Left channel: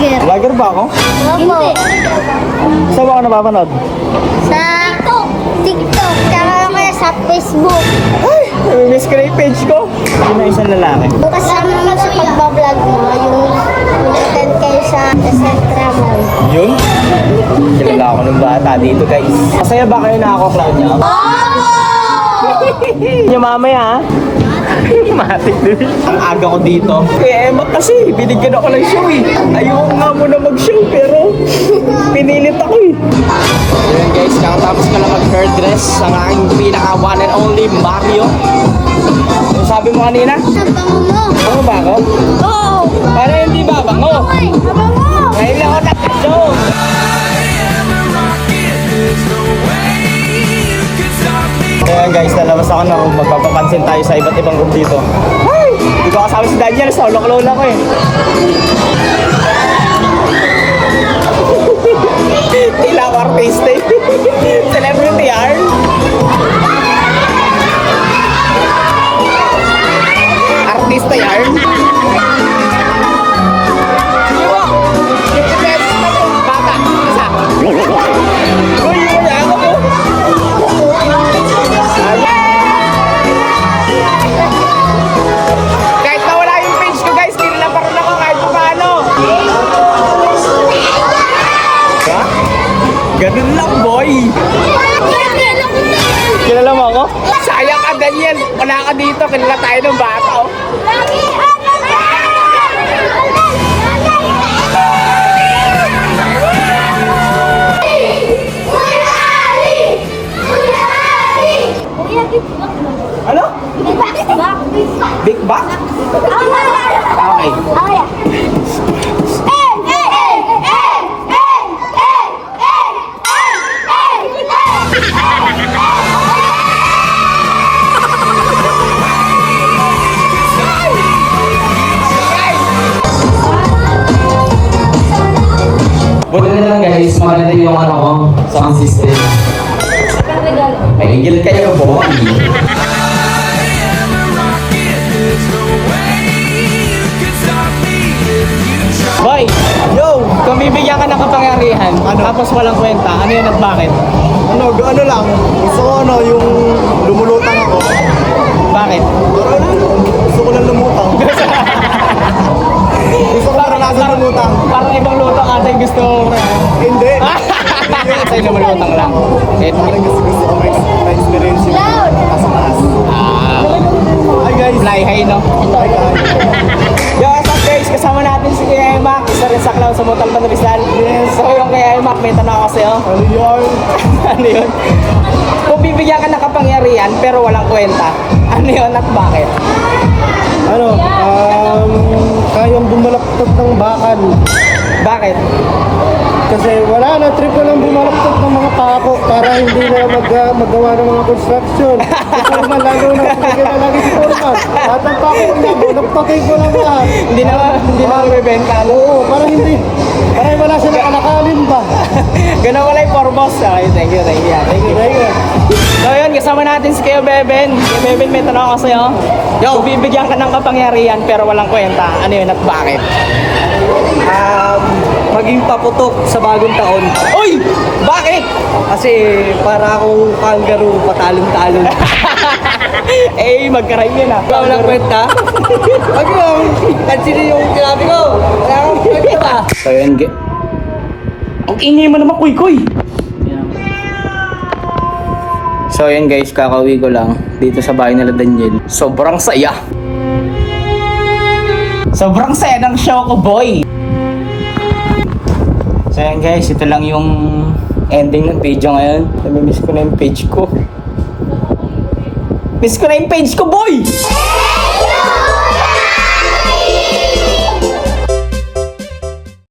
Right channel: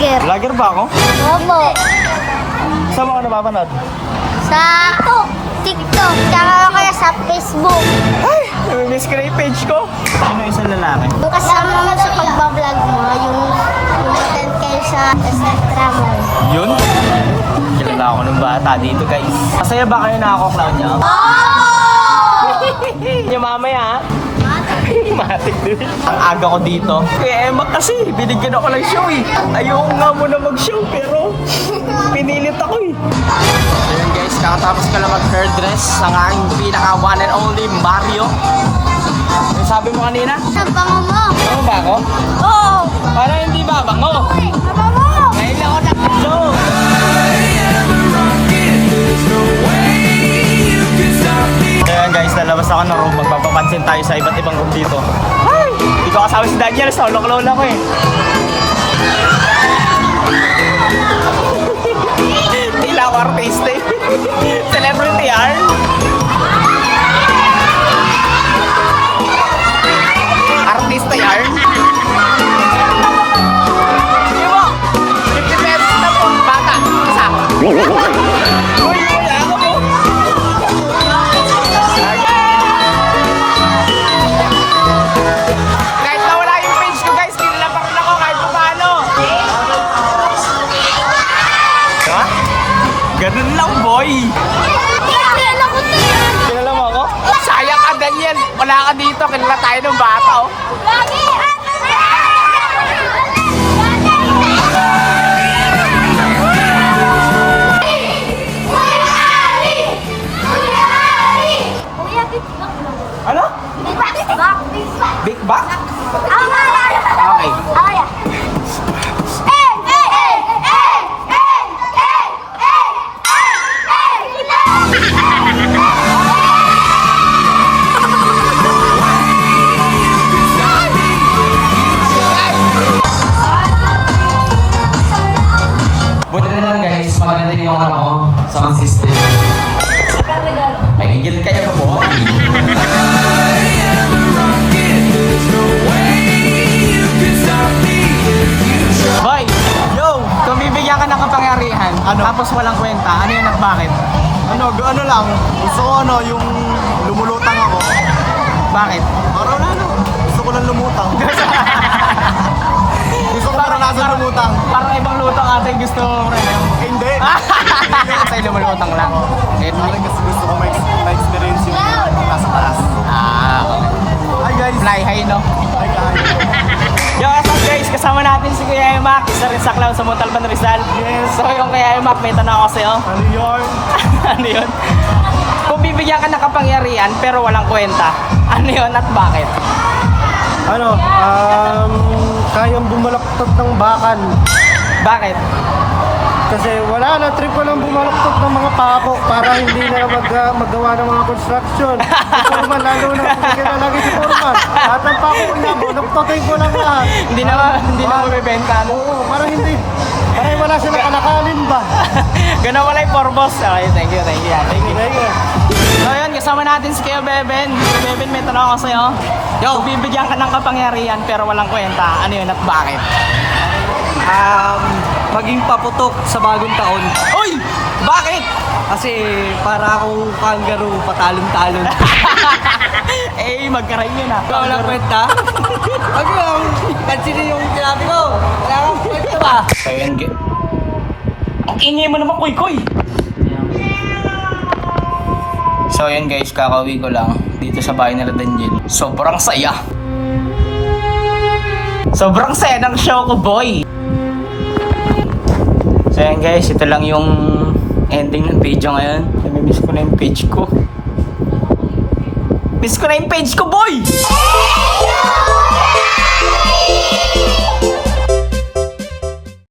vlogger. Vlogger ba ako? Opo. Saan mo ako napapanood? Sa TikTok, tsaka kaya sa Facebook. Ay, namimiss ko na yung page ko. Sino isang lalaki? Yung kasama mo sa pagbablog mo, yung attend kayo sa Centra Mall. Yun? Kilala ako nung bata dito, guys. Masaya ba kayo na ako, clown niya? Yung mamaya, ha? Matik din. Ang aga ko dito. Kaya Emma kasi, binigyan ako ng show eh. Ayoko nga muna mag-show pero pinilit ako eh. Ayan guys, nakatapos ka lang mag-hairdress ang aking pinaka one and only Mario. Yung sabi mo kanina? Ang bango mo. Bango ba ako? Oo. Para hindi ba bango? Bango. Ngayon lang ako nag-show. Ayan guys, lalabas ako ng room. Magpapapansin tayo sa iba't ibang room dito. Ay! Hindi ko kasama si Daniel. Solo lang ko eh. Tila ako artista eh. Celebrity yarn. Artista yarn. 50 pesos na po. Bata. Isa. Uy, ako po. Kahit nawala yung page ko guys, kilala pa rin ako kahit paano. Ha? Ganun lang boy. Kilala mo ako? Sayang ka Daniel, wala ka dito, kilala tayo ng bata oh. Ano? Big Bang? Okay. Buti na lang guys, maganda yung ano ko, sound system. May ingil kayo po. Boy, yo, kung bibigyan ka ng kapangyarihan, tapos walang kwenta, ano yun at bakit? Ano lang, gusto ko yung lumulutang ako. Bakit? Para wala gusto ko lang lumutang. Gusto ko maranasan lumutang. Parang ibang lutang ate gusto mo rin. Hindi. Tayo na malutang lang. Parang gusto ko ma-experience yung nasa taas. Hi guys. Fly high, no? Hi guys. Yo, what's up guys? Kasama natin si Kuya Emak, isa rin sa clown sa Montalban Rizal. Yes. So yung Kuya Emak, may tanong ako sa'yo. Ano yun? Ano yun? Kung bibigyan ka ng kapangyarihan pero walang kwenta, ano yun at bakit? Kayang bumalaktot ng bakal. Bakit? Kasi wala na, trip ko lang bumalaktot ng mga pako para hindi na magawa ng mga construction. Si Foreman, lalo na, sige na lagi si Foreman. Lahat ng pako niya, bunaktotin ko lang lahat. Hindi na mabibenta. Oo, para hindi. Para wala siya nakalakalin ba? Ganun wala yung foremost. Okay, thank you. Thank you. So yun, kasama natin si Kuya Beben. Kuya Beben, may tanong ako sa'yo. Kung bibigyan ka ng kapangyarihan pero walang kwenta, ano yun at bakit? Maging paputok sa bagong taon. Uy! Bakit? Kasi para akong kangaroo patalon-talon. Eh, magka-rhyme yun ah. Walang kwenta? Wag lang. Pansinin yung sinabi ko. Wala kang kwenta ba? So yun, ang ingay mo naman, kuy-kuy! So yun guys, kakauwi ko lang dito sa bahay nila Daniel. Sobrang saya! Sobrang saya ng show ko, boy! So yun guys, ito lang yung ending ng video ngayon. Namimiss ko na yung page ko. Miss ko na yung page ko, boy!